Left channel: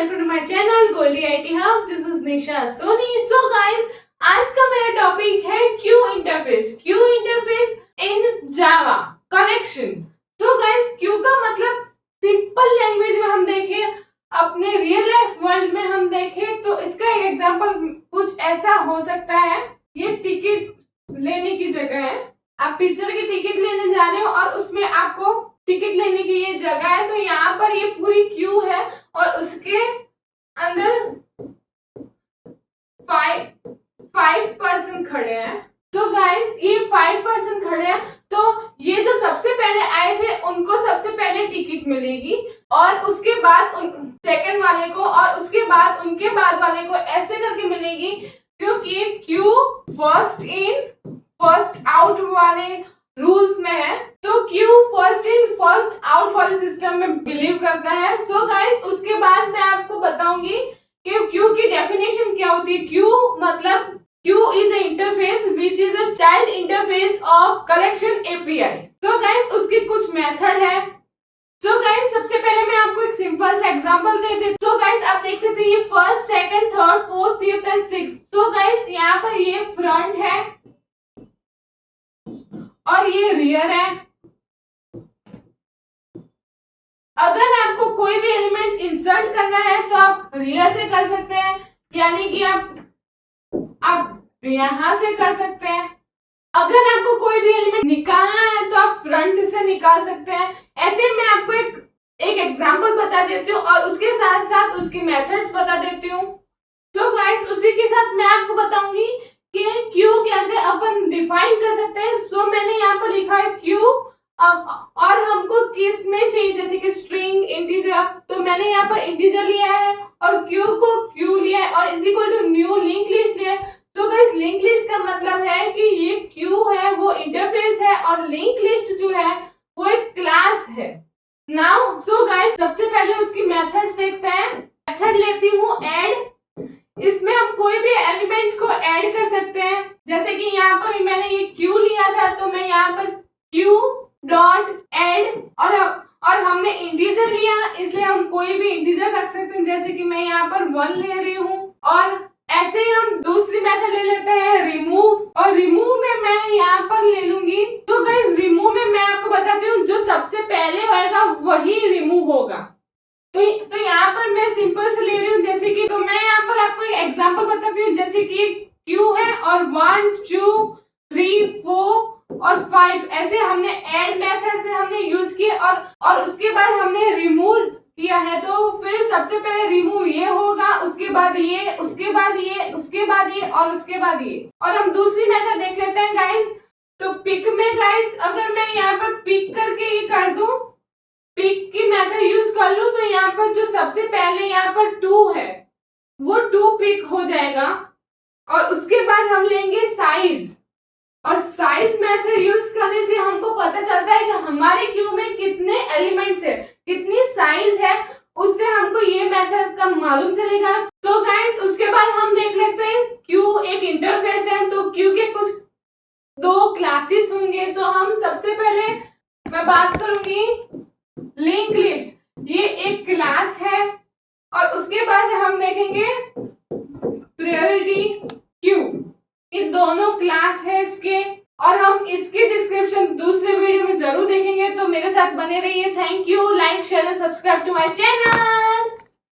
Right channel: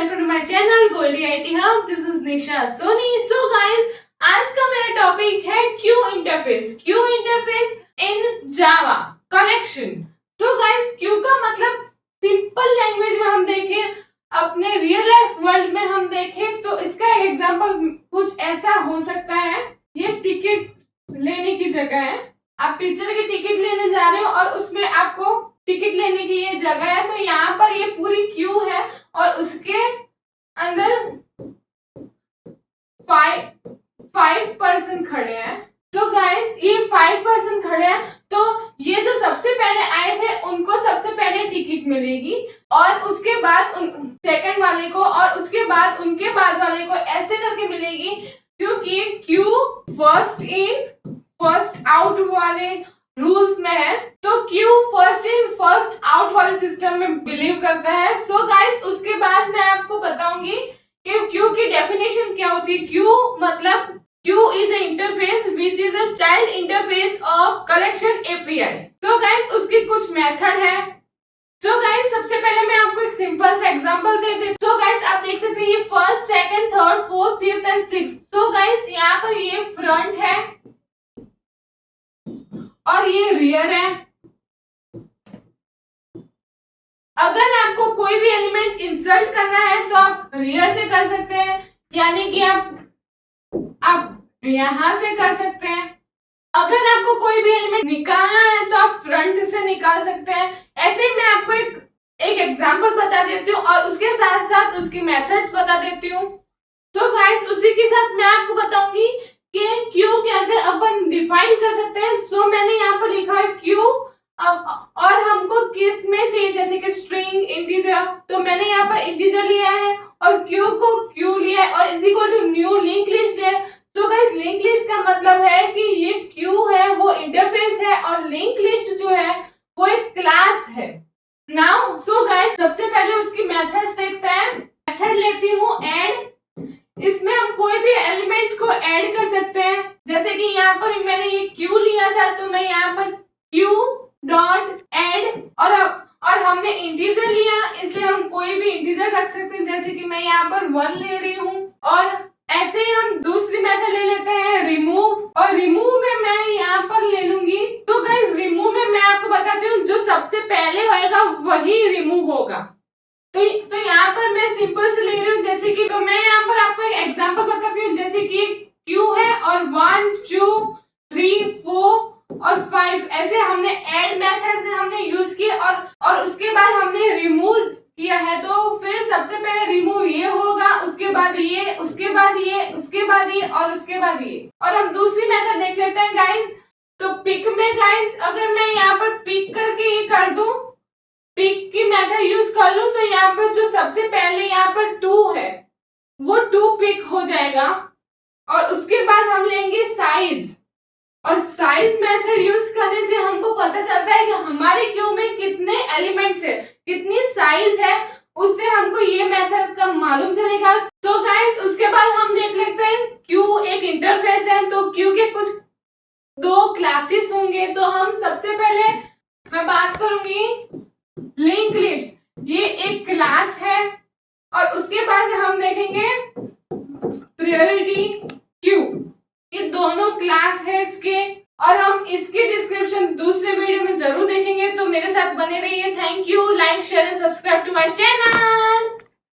Welcome to my channel Goldie IT hub. This is Nisha Soni. So guys, आज का मेरा topic है queue interface in Java connection. So guys, queue का मतलब simple language में हम देखें, अपने रियल लाइफ वर्ल्ड में हम देखें तो इसका एक एग्जांपल कुछ ऐसा हो सकता है। ये टिकट लेने की जगह है, आप पिक्चर की टिकट लेने जा रहे हो और उसमें आपको टिकट लेने की ये जगह है, तो यहाँ पर ये पूरी क्यू है और उसके अंदर 5 पर्सन खड़े हैं। तो गाइस, ये 5 पर्सन खड़े हैं, तो ये जो सबसे पहले आए थे उनको सबसे पहले टिकट मिलेगी और उसके बाद सेकंड वाले को और उसके बाद उनके बाद वाले को, ऐसे करके मिलेगी, क्योंकि Q first in first out वाले रूल्स में है। तो Q first in first out वाले सिस्टम में बिलीव करता है। सो गाइस, उसके बाद मैं आपको बताऊंगी कि क्यू की डेफिनेशन क्या होती है। क्यू मतलब Q is a interface which is a child interface of collection API. So guys, उसके कुछ मेथड है। सो गाइस, सबसे पहले मैं आपको एक सिंपल सा एग्जांपल दे देती हूँ। सो गाइस, आप देख सकते हैं ये first, second, third, fourth, fifth and sixth. So guys, यहाँ पर ये फ्रंट है और ये रियर है। अगर आपको कोई भी एलिमेंट इंसर्ट करना है तो आप रियर से कर सकते हैं, यानी कि आप यहां से कर सकते हैं। अगर आपको कोई भी एलिमेंट निकालना है तो आप फ्रंट से निकाल सकते हैं। ऐसे मैं आपको एक एग्जांपल बता देती हूँ और उसके साथ साथ उसकी मेथड्स बता देती हूँ। तो गाइस, उसी के साथ मैं आपको बताऊंगी कि क्यू कैसे अपन डिफाइन कर सकते हैं। सो मैंने यहाँ पर लिखा है क्यू, और हमको किस में चाहिए, जैसे कि स्ट्रिंग, इंटीजर, तो मैंने यहाँ पर इंटीजर लिया है और क्यू को क्यू लिया है और is equal to new link list लिया है। तो गाइस, लिंक लिस्ट का मतलब है कि ये क्यू है वो इंटरफेस है और लिंक लिस्ट जो है वो एक क्लास है। नाउ सो गाइस, सबसे पहले उसकी मेथड्स देखते हैं। मेथड लेती हूँ ऐड। इसमें हम कोई भी एलिमेंट को ऐड कर सकते हैं, जैसे कि यहाँ पर मैंने ये क्यू लिया था तो मैं यहाँ पर क्यू डॉट ऐड, और हमने इंटीजर लिया इसलिए हम कोई भी इंटीजर रख सकते हैं, जैसे कि मैं यहाँ पर 1 ले रही हूँ। और ऐसे ही हम दूसरी मेथड ले लेते हैं रिमूव, और रिमूव में मैं यहाँ पर ले लूंगी। तो गाइस, रिमूव में मैं आपको बताती हूँ जो सबसे पहले होएगा वही रिमूव होगा। तो यहाँ पर मैं सिंपल से ले रही हूँ, जैसे कि, तो मैं यहाँ पर आपको एक एग्जांपल बताती हूँ, जैसे कि क्यू है और 1 2 3 4 और 5 ऐसे हमने ऐड मेथड से हमने यूज किए और उसके बाद हमने रिमूव किया है। तो फिर सबसे पहले रिमूव ये होगा, उसके बाद ये, उसके बाद ये, उसके बाद ये और उसके बाद ये। और हम दूसरी मेथड देख लेते हैं गाइस। तो पिक में गाइस, अगर मैं यहाँ पर पिक करके ये कर दूं, पिक की मेथड यूज कर लूं, तो यहाँ पर जो सबसे पहले यहाँ पर 2 है वो 2 पिक हो जाएगा और उसके बाद हम लेंगे साइज, और साइज मेथड यूज करने से हमको पता चलता है कि हमारे क्यू में कितने एलिमेंट्स है, कितनी साइज है, उससे हमको ये मेथड का मालूम चलेगा। तो गाइस, उसके बाद हम देख लेते हैं क्यू एक इंटरफेस है, तो क्यू के कुछ 2 क्लासेस होंगे। तो हम सबसे पहले मैं बात करूंगी लिंक लिस्ट, ये एक क्लास है, और उसके बाद हम देखेंगे प्रायोरिटी क्यू, ये दोनों क्लास है इसके, और हम इसके डिस्क्रिप्शन दूसरे वीडियो में जरूर देखेंगे। तो मेरे साथ बने रहिए। Thank you. Like, share and subscribe to my channel.